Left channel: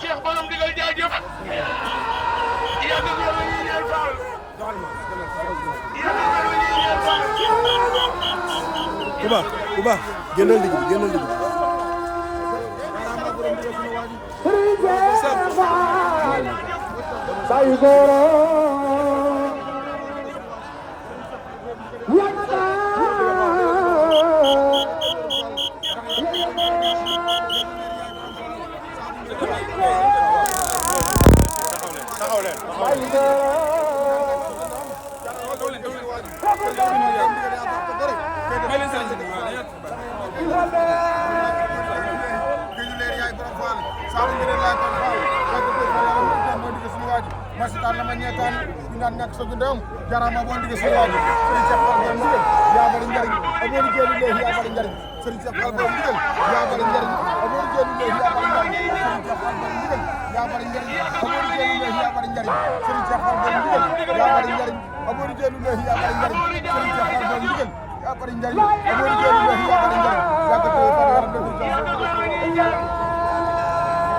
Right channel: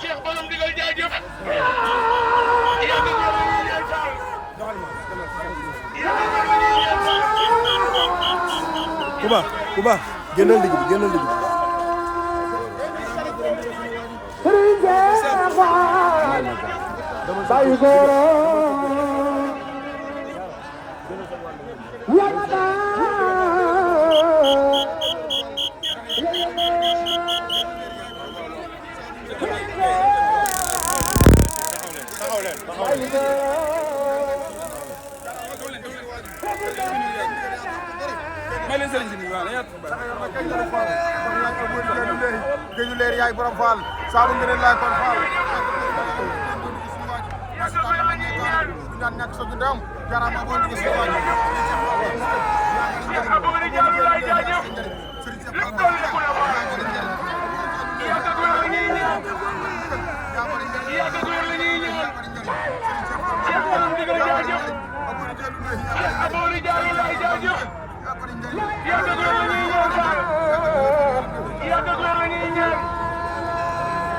Cheikh borom digal jaajëf Kuba génnal digg bi génnal digg bi Bayu Goro géeju leer yaay borom Fall saabu ngeen laay borom Fall masitan lama ñeetaan ñu naan ñàkk sa dundam jarama bo ngi ci waaju Serigne Cheikh Fall bo ngi yaa bari njariñ abo ni géeju leer yaa bari njariñ Serigne Cheikh Fall bo ngi yaa bari njariñ abo ni géeju leer yaa bari njariñ Serigne Cheikh Fall bo ngi yaa bari njariñ abo ni géeju leer yaa bari njariñ Serigne Cheikh Fall bo ngi yaa bari njariñ abo ni géeju leer yaa bari njariñ Serigne Cheikh Fall bo ngi yaa bari njariñ abo ni géeju leer yaa bari njariñ yaa ko do fa yaram def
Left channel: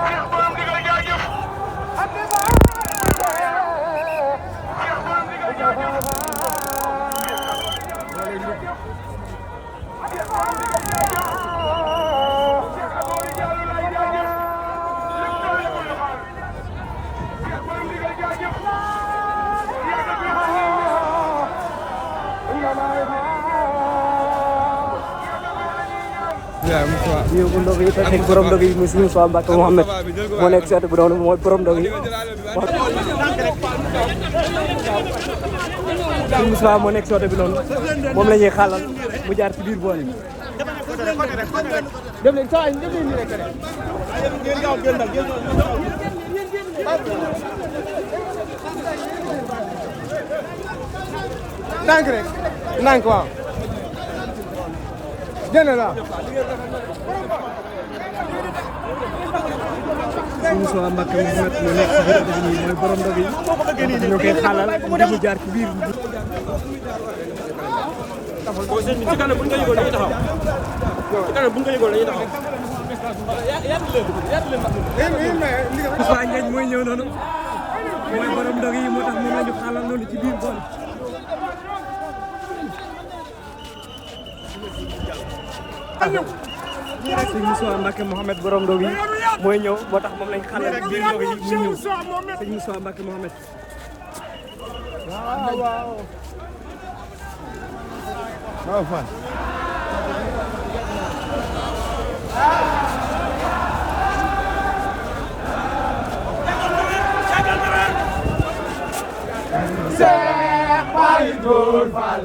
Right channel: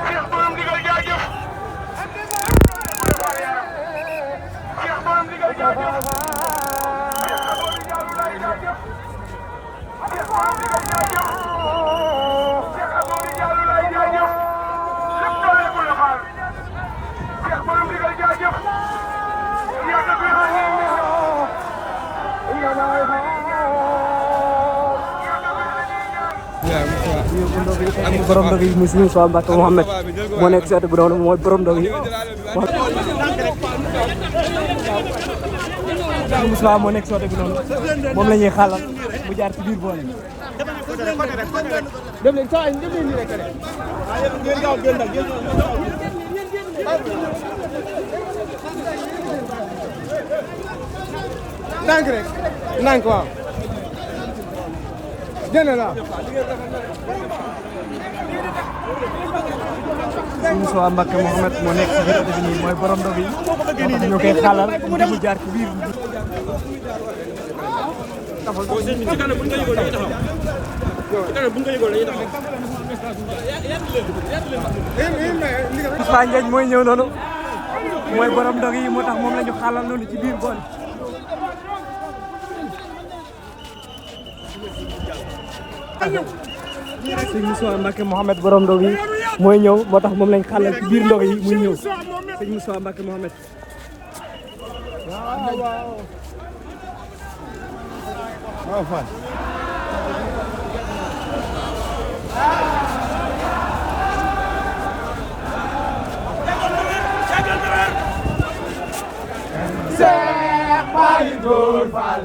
Cheikh borom digal jaajëf Moussa moo nekk soote bi loolu moom la ñuy xaal mu jaar ci biir boole dem leen saa yi dem leen nii rek rek ngeen gaaw ngeen dal ngeen ndànk rek ndànk waaw génn la Moussa Mbacké Mouhamed moo nekk ci biir bi nii mooy borom bi ñu koy xaalal mu jaar ci biir ci kanam bu ñu ko yëgoon dañuy taxaw ci kanam bu ñu ko yëgoon dañuy taxaw Moussa Ndiagne mooy ñëw noonu mooy borom ndog yi moo tax moom la ñu xaalal noonu ci biir bool sëñ Moussa Mbacké Mouhamed borom ndog yi mooy ñëw moo tax moom lañ xaalal ci biir ndog yi muy ñëw sëñ Moussa Mbacké Mouhamed waaw Fall Cheikh Baye Góor Fall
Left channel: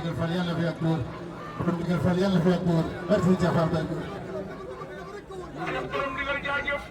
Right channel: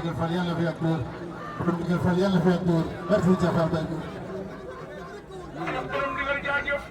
ndigal Fall yàlla fi ak góor borom ndigal Fall yàlla fi ak góor barke Sëriñ Cheikh Fall Baye góor borom ndigal jaajëf